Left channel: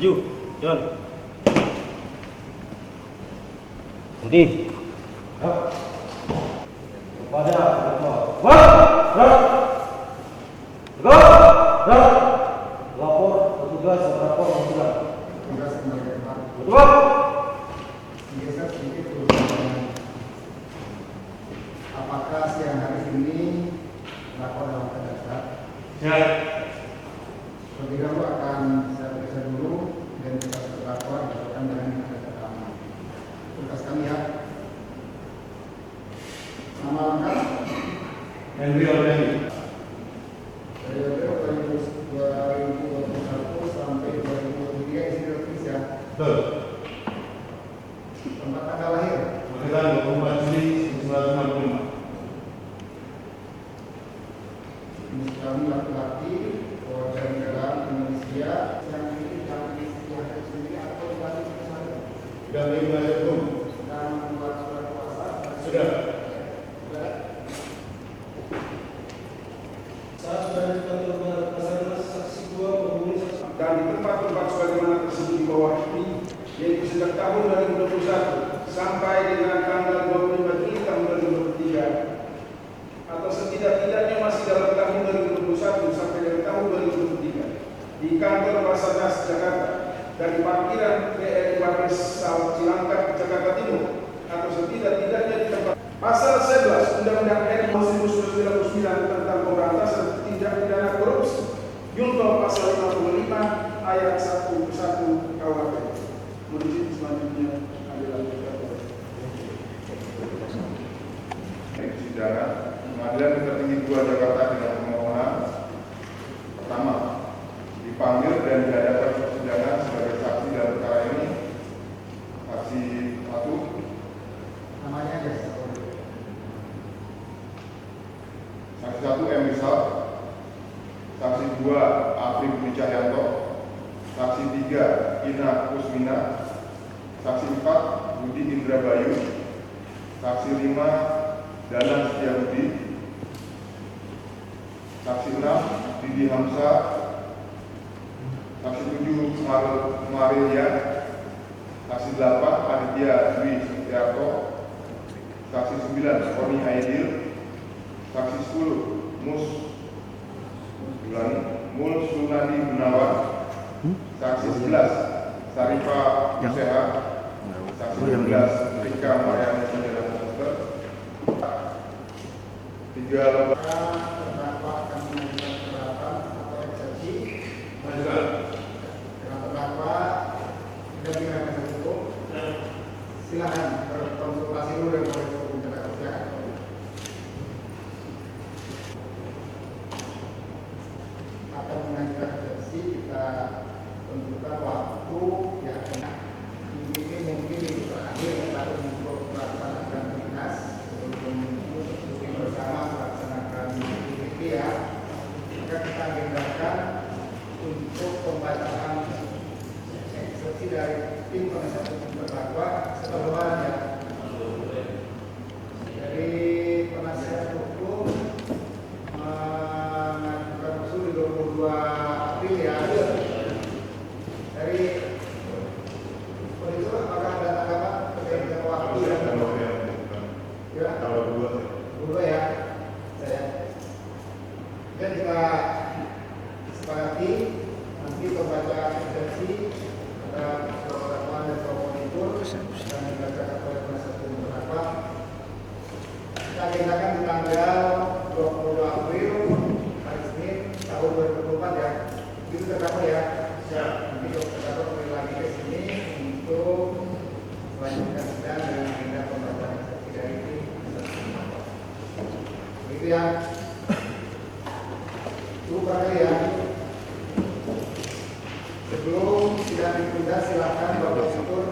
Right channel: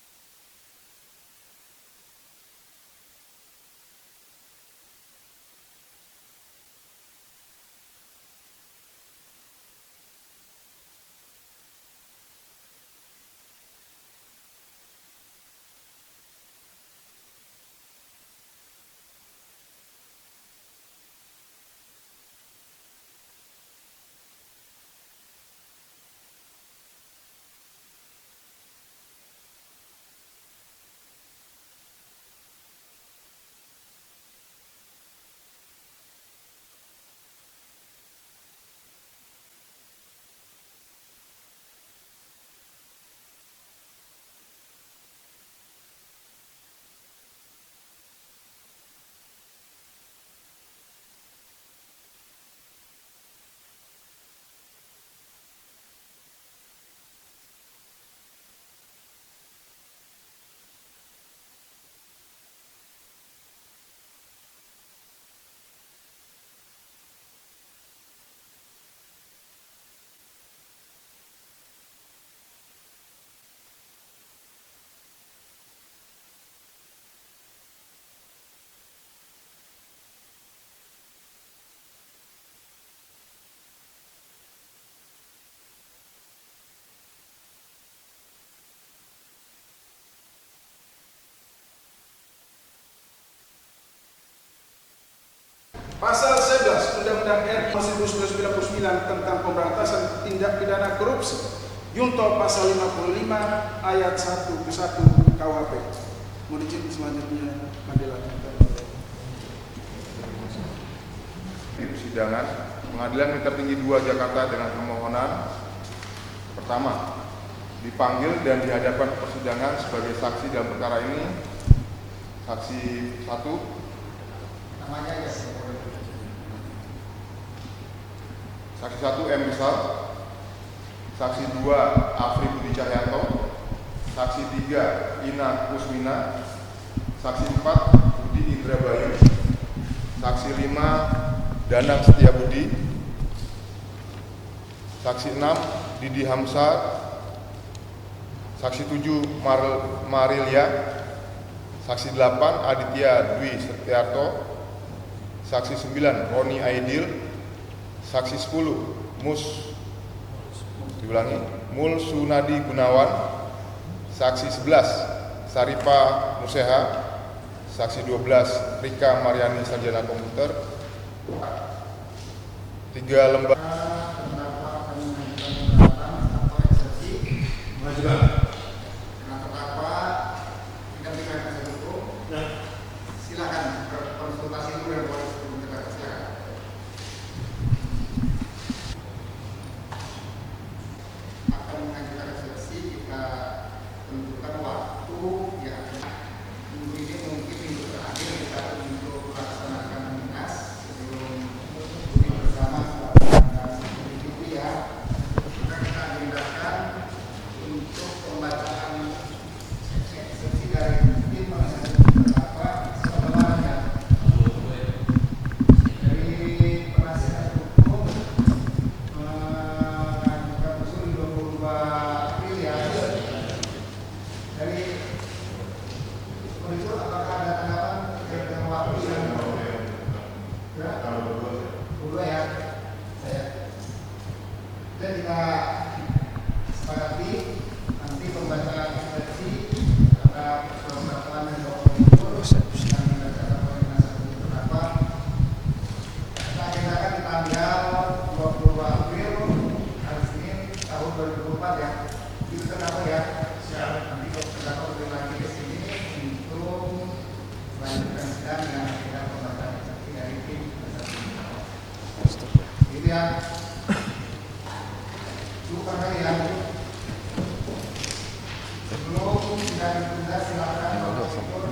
Maju, John. Berhenti. Pada. Lapor petugas lapor petugas. Betul. Apakah siang hari ini lapor dalam keadaan? Ya. Terlebih dahulu akan saya periksa dulu identitas terdakwa berdasarkan dengan yang ada rekaman. Tugas kami ya. Nama lengkap Henry Already. periode 2021 sampai 2023 isi tertulis ya. Betul. Tempat tanggal lahir Kelahiran 24 Juli 1965. jenis kelamin laki-laki, warga negara Indonesia yang memiliki istiadat sendiri atau balik ke sana. Sudah bebas hukum. Dan membuat surat kuasa. Sudah. Dan di tempat-tempat sebagaimana tersebut di bawah ini, yaitu sejak tahun 2021 sampai dengan tanggal 25 Juli tahun 2023, atau setidak-tidaknya masih dalam tahun 2021 sampai dengan tahun 2023 di kantor Basarnas Jakarta dan di parkiran BRI Waris Cilangkap Jakarta Timur, atau setidak-tidaknya di tempat Pasal 11 Undang-Undang RI 1999 tentang pemberantasan tindak pidana korupsi Junto pasal 55 ayat 1 ke 1 KUHP. Mohon izin selanjutnya adalah persidangan Pengadilan Negeri Tertinggi 2 Jakarta dengan permohonan pertama, dipanggil dan dihadapan persidangan sebagai saksi dalam perkara ini saksi 1 Namanya aja. saksi 1 M. Rizal, saksi 2 Afrik Budi Cahyanto, saksi 3 Ina Kusmina, saksi 4 Budi Indra Bayu, saksi 5 Danang Setiabudi, saksi 6 Didi Hamzah, saksi 7 Marilia, saksi 8 Aditya Dwi Setiarto, saksi 9 Roni Aidil, saksi 10 Mul Sunadi Gunawan, saksi 11 Saripa Museha, saksi 12 Rika Mariani Sarjana Komputer, 3 lembaga silakan berkonsultasi dulu dan berkonsultasi silakan. Akan mengajukan eksepsi kita tentukan waktu yang akan ini mungkin itu terakhir kita untuk melaksanakan tugas sebelum duduk bersama dan ini ya. Maka kita mintakan untuk pembacaan eksepsi dari tim penasihat terdakwa sebagaimana dari penasihat hukum mengajukan usul 22 April ya. Dari unsur apakah ada tanggapan terkait dengan waktu yang ya? Dua ya. Saya. Dan kita sepakati nanti pembaca eksepsi pada beberapa dan tokoh itu yang dibacakan oleh penasihat hukum terdakwa. Kita agendakan di tanggal 20 April hari Senin tahun 2024 ya. Itu terdakwa ya. Nanti kalau terdakwa kembali lagi ke sini untuk melanjutkan sidang dengan agenda pembacaan eksepsi dari tim penasihat hukum. Itu ya. Cukup kali ya. Sebelum sidang ditunda silakan Bapak Syukur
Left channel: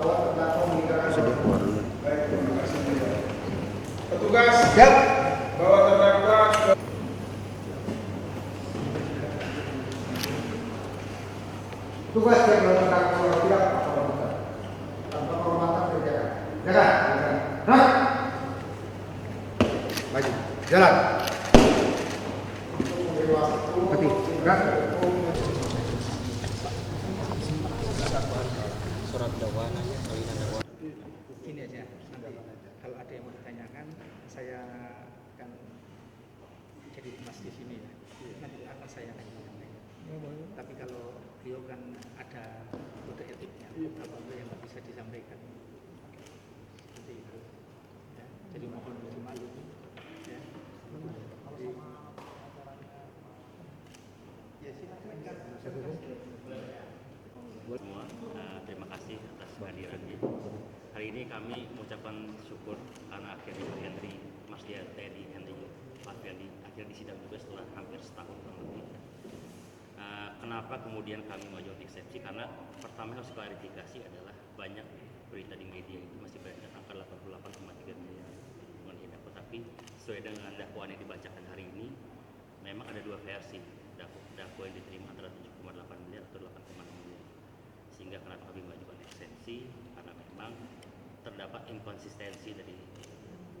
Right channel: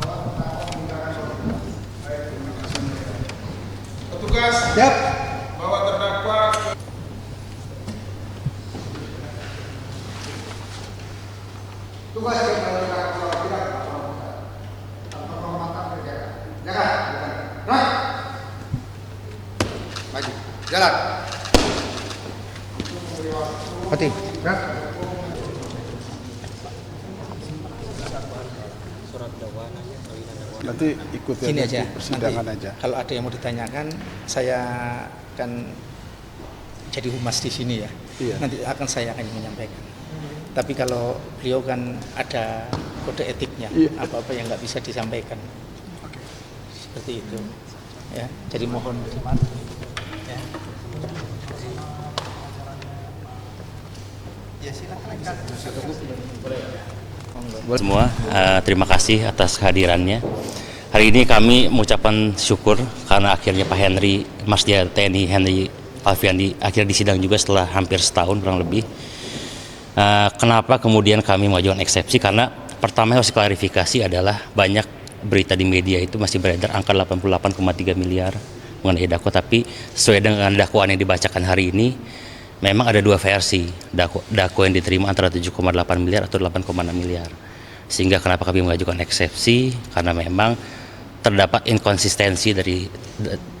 bahwa terdakwa menggunakan baik, terima kasih. petugas bahwa terdakwa Tugas yang melakukan perwakilan tanpa penghormatan berjalan. Jalan. Right. Maju. Jalan. Mati. Gerak. surat dakwaan aja, salinan dakwaan. Nanti ikut Sini aja, persidangan nanti aja. kalau ada yang mau ditanyakan, saya akan jadi humas di sini ya. Iya. Nanti akan saya akan menyampaikan. Tapi kalau beliau kan ada kode etiknya, Iya. apa-apa yang nggak bisa disampaikan. Seperti itu. Ya, jadi mohon dimaklumi. Ya. Ya silakan. Semua, terima kasih atas kehadirannya. Hari ini kami mengucapkan syukur karena akhirnya Pak Henry, Masdia TNI Henry Alfiandi akhirnya disidang juga setelah hampir setahun kurang lebih. Kenapa kemudian kami mengajukan eksepsi? Karena pertama yang harus klarifikasi adalah banyak berita di media itu masih beredar angka 88,3 miliar mengenai Dako, tapi sesuai dengan dakwaan yang dibacakan hari ini, memang ada dua versi Dako yang diterima antara 7,8 miliar atau 8,6 miliar. Sehingga kenapa kami mengajukan eksepsi, karena memang terdapat inkonsistensi dari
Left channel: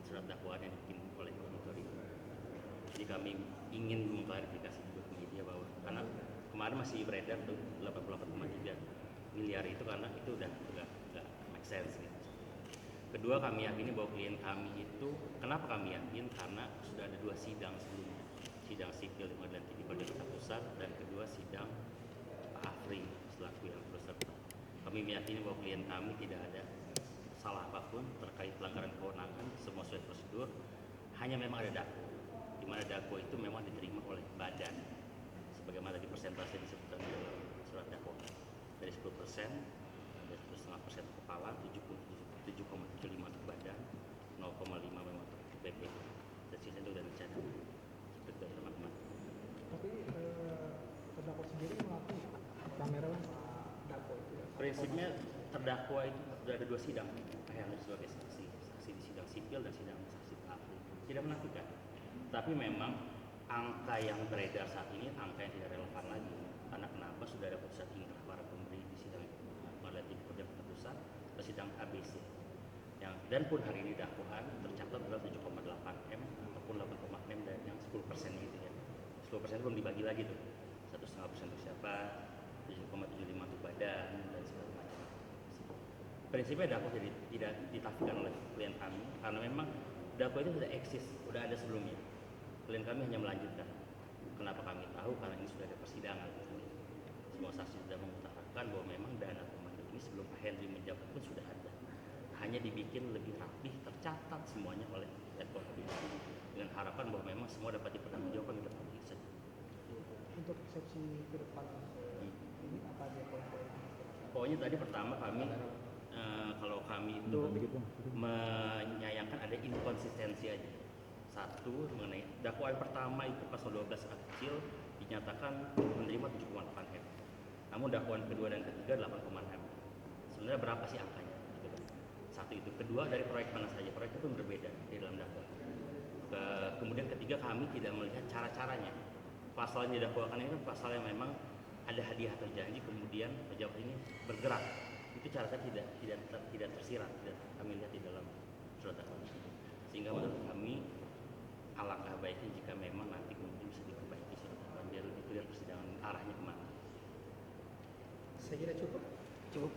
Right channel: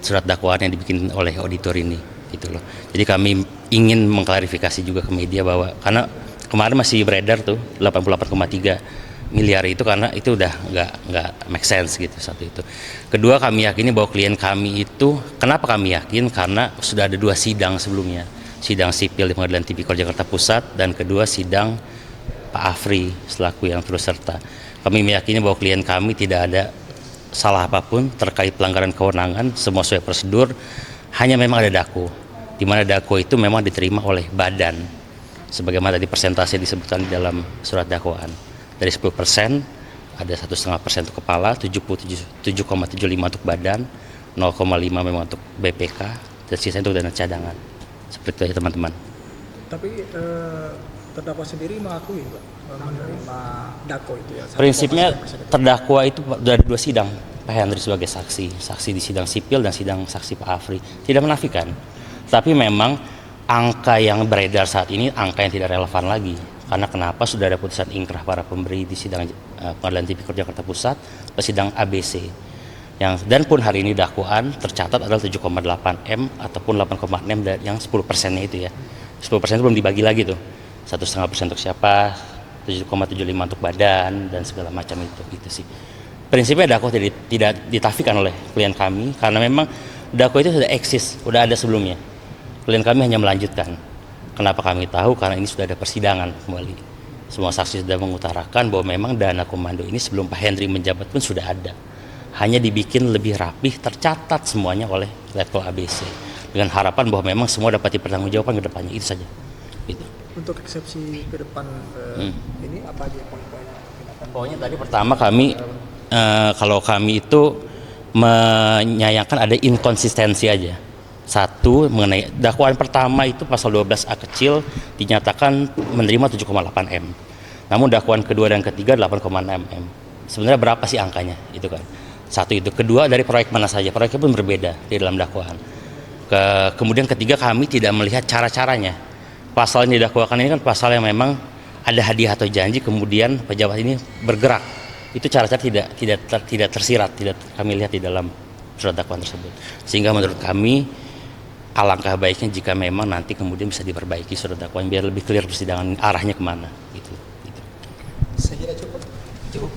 surat dakwaan yang dibikin oleh auditor ini, gitu loh. Jadi kami ingin mengklarifikasi juga ke media bahwa karena kemarin masih beredar tuh 88,3 miliar itu, karena itu udah nggak make sense gitu, satu itu. Kedua, kami yakini bahwa klien kami itu, kenapa kami yakin? Karena sudah ada dua sidang sebelumnya, sidang sipil di Pengadilan Tipikor Jakarta Pusat, dan kedua sidang Pak Afri selaku yang turut serta. Kami meyakini bahwa klien kami tidak ada salah apapun terkait pelanggaran kewenangan, semua sesuai prosedur, hanya memang ada Dako, di mana Dako itu memang diterima oleh badan, sebagaimana tadi persentase disebutkan di dalam surat dakwaan. Dari 10% ada 1,5% untuk kepala, 7,75 untuk badan, 0,5 memang untuk BPK, dan sisanya untuk dana cadangan. Seperti itu ya teman-teman. Tapi terdakwa sendiri mengakui Pak, menerima Dako itu ya? Prinsipnya terdakwa itu ada dua sidang, Pak Henry sebagai saksi di sidang sipil dan sidang saksi Pak Afri, tidak menafikan. Tapi memang angka yang beredar saat ini angka yang tidak relevan lagi. Karena kenapa? Sudah ada putusan ingkrah para pemberi di sidang Pengadilan Tipikor Jakarta Pusat, sidang ABC. Dan pun hari ini dakwaan tercatat adalah 7,8 M ataupun 8,6 yang 10%-nya itu ya. 10% itu belum dibagi lagi tuh. 1,5% untuk siapa, 7,75 untuk badan, dan segala macam itu sih. Prinsipnya Dako tidak ditafikan oleh klien kami, karena memang Dako itu sudah eksis, sudah ada sebelumnya. Klien kami hanya melanjutkan. Kenapa kami tahu? Karena ini sudah ada persidangan kembali. Semua saksi sudah mengutarakan bahwa memang dana komando ini sebelum Pak Henry menjabat pun sudah ada. Hanya dibikin lebih rapih, tercatat semuanya oleh letkol ABC. Dengan harapan bahwa memang semua dapat dipertanggungjawabkan ke depannya, itu saja. Gitu. Untuk eksepsi ke depan ini apa aja poin-poinnya? Pokoknya tadi pertama kami, kalau kami itu menyayangkan ada inkonsistensi aja. Satu, mengenai dakwaan pertama itu pasal 12A kecil dinyatakan menerima 7,8 M. Namun dakwaan kedua dan ketiga 8,6 M. Sebenarnya berapa sih angkanya? Itu kan. Satu itu. Kedua, dari proyek mana saja. Proyeknya pun berbeda di dalam dakwaan. Kemudian ketiga, kami tidak melihat cara-caranya. Pasal yang didakwakan ini kan pasal yang memang ada hadiah atau janji, kemudian pejabat ini bergerak. Itu cara-cara tidak tersirat, tidak kami lihat di dalam surat dakwaan tersebut. Sehingga menurut kami alangkah baiknya jika memang nanti kemudian bisa diperbaiki surat dakwaan biar lebih clear persidangan arahnya kemana gitu. Saya kira cukup.